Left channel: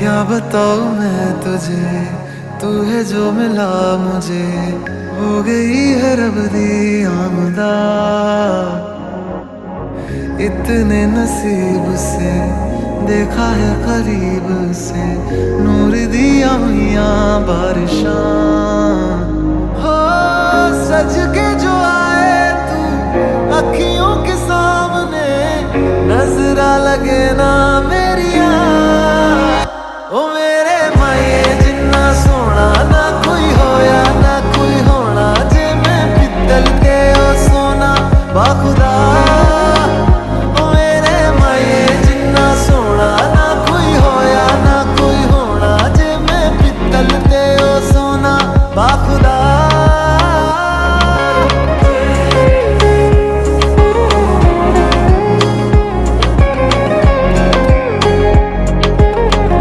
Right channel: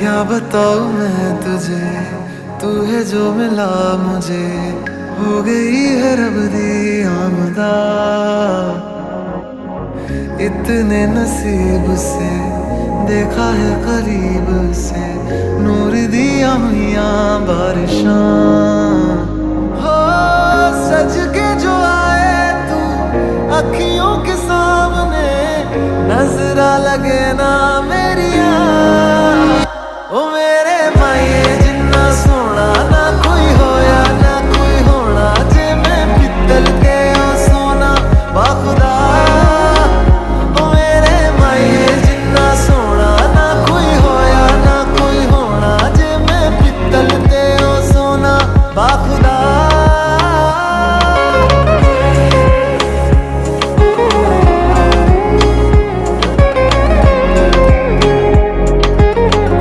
क्या बताऊं मैं तुझे, तू है जो मिला मुझे, हो गई है रब दी आमदा। इतने नसीब से देखा है करीब से, नूर दिया हुआ बारिशां। हो सज के जो आए तू अखियों के सामने, नजरा लगे ना मेरिया।